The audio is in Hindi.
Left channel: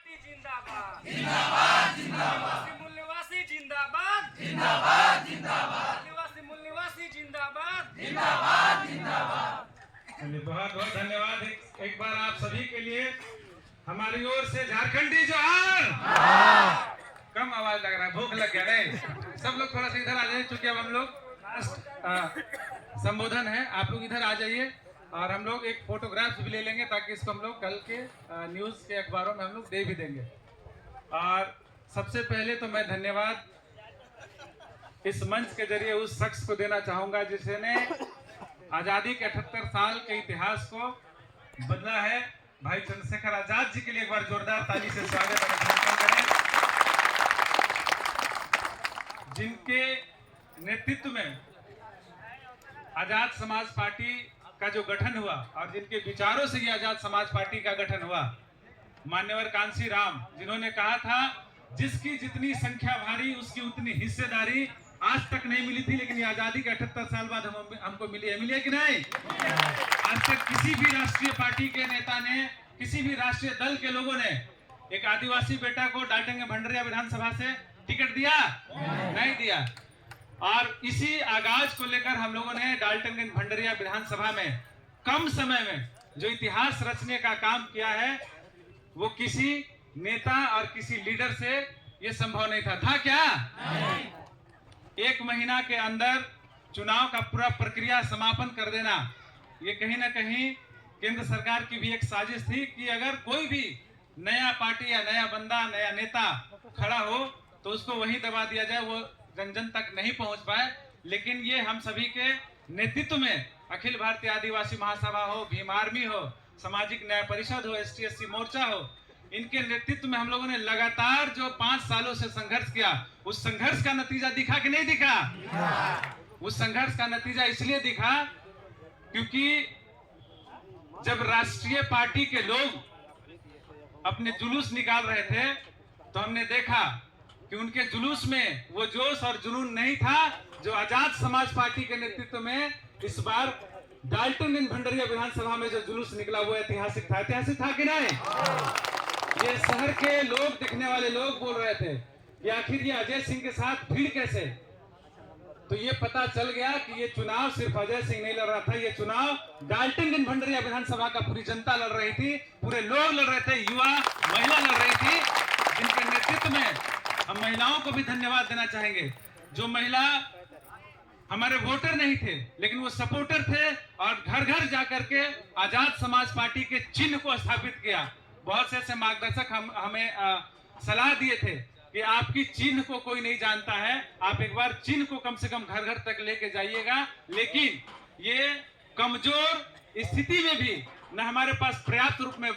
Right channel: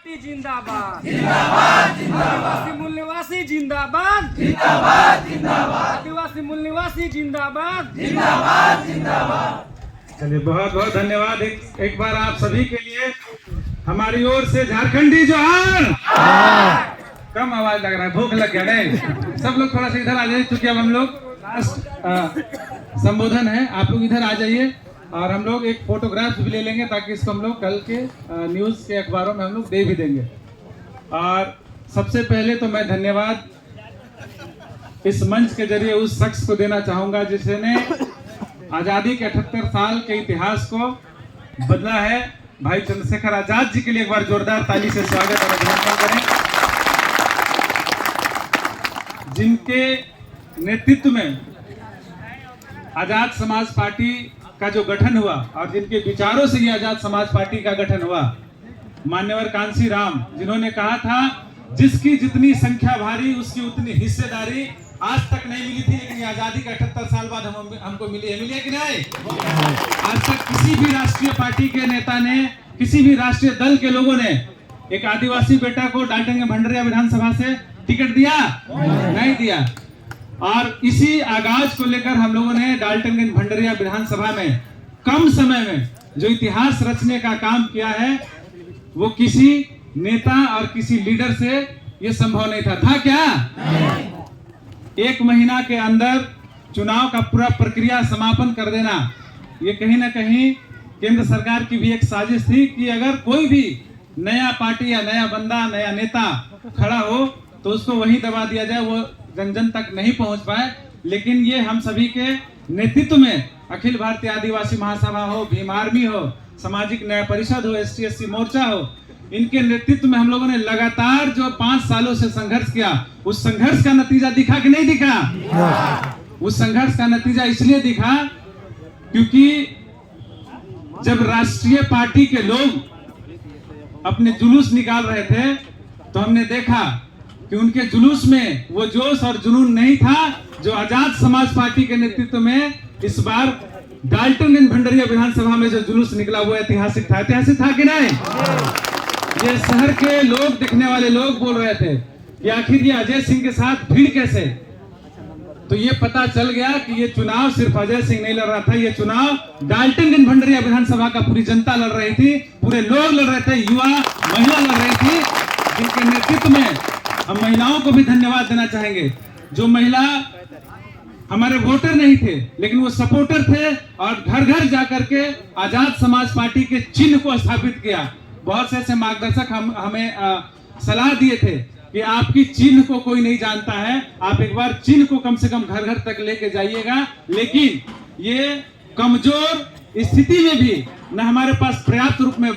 जिंदाबाद जिंदाबाद जिंदाबाद आदिवासी मूल निवासी जिंदाबाद जिंदाबाद जिंदाबाद आदिवासी मूल निवासी जिंदाबाद जिंदाबाद जिंदाबाद। चलिए बहुत बहुत धन्यवाद एक बार आप सभी के लिए हमारी ओर से झारखंडी जोहार। कम आवाज लग रहा है, भूख लग गया नहीं? सब लोग थोड़ा सा इधर आ जाइए, क्योंकि अब हम लोग लास्ट संबोधन है, आप लोग इधर आ जाइए और हम लोग एक फोटोग्राफ भी ले लेंगे ताकि इसको हम लोग कल के न्यूज़ के अखबारों में हम लोग दे भी देंगे। और सबसे पहले तो मैं धन्यवाद इस मंच के जरिए उस शख्स को देना चाहूंगा जिसने आज़ादी के 78 साल के इतिहास को बदला है। भाई चंद्रशेखर आजाद जी के लिए एक बार जोरदार ताली से स्वागत और अभिनंदन करें, जिनके नेतृत्व में आजाद समाज पार्टी का जो गठन हुआ और जिनके विचारों से ये आजाद समाज पार्टी का गठन हुआ, मान्यवर कांसी राम, जिन्होंने कहा था जिसकी जितनी संख्या भारी उसकी उतनी हिस्सेदारी। आज तक नहीं मिली थी, लेकिन ये आजादी के 78 साल बाद हमको मिली है कि नहीं? आज तक किसी भी राष्ट्रीय पार्टी के नेता ने, किसी भी राष्ट्रीय दल के लोगों ने एक आदिवासी बेटा को डाल्टनगंज भंडरिया विधानसभा से टिकट दिया? नहीं दिया। और इसी आगाज को लेकर हम लोगों ने डाल्टनगंज भंडरिया विधानसभा में कम समय में जो इतिहास रचने का काम किया है, वो किसी नेता और किसी लीडर से ये संभव नहीं था क्या? एक महीना के अंदर चुनाव का पूरा प्रक्रिया समापन कर देना, ये कहीं ना कहीं केंद्र सरकार की भी एक साजिश थी कि अगर कोई भी नया पार्टी या नया बंदा, नया नेता खड़ा हो तो उसको वहीं दबा दिया जाए, वो जन जन तक नहीं पहुंच पाए। लेकिन ये हम सभी के नेतृत्व में अखिल भारतीय आदिवासी महासभा हो, भीम आर्मी हो, सामाजिक न्याय परिषद हो, ST/SC मोर्चा हो, इनके नेतृत्व में हम लोगों ने लगातार जो 5 सालों से संघर्ष किया, उस संघर्ष का नतीजा दिखा कि नहीं दिखा? उस संघर्ष का नतीजा इसलिए दिखा क्योंकि जब राष्ट्रीय पार्टी के लोग अपने जुलूस निकाल रहे थे तो हमने देखा कि उनके जुलूस में वो जोश और जुनून नहीं था जो आजाद समाज पार्टी के नेतृत्व में इस बार डाल्टनगंज भंडरिया विधानसभा में जो जुलूस निकला वो ऐतिहासिक था। ऐतिहासिक था कि नहीं? ये शहर के लोग, दिखने वाले लोग बोल रहे थे कि आखिर ये अजय सिंह के साथ भीड़ कैसे? तो ये पता चल गया कि ये चुनाव सिर्फ अजय सिंह नहीं लड़ रहा था, ये चुनाव डाल्टनगंज भंडरिया विधानसभा का पूरी जनता लड़ रही थी, पूरे लोग लड़ रहे थे, युवा महिला लड़ रही थी, जिनके नेतृत्व में हम महिलाओं को भी धन्यवाद देना चाहेंगे। जो महिला हमारे वोटर नहीं थे लेकिन वो सपोर्टर थे और घर घर जाकर के आजाद समाज पार्टी के चिन्ह को स्थापित किया। बहुत से ऐसे मार्गदर्शक हमें सलाह दिए थे कि आपकी चिन्ह को कोई नहीं जानता है, आप एक बार चिन्ह को कम से कम घर घर तक लेके जाइएगा। लेकिन ये कमजोर स्थिति में भी न हमारे पास पर्याप्त रूप में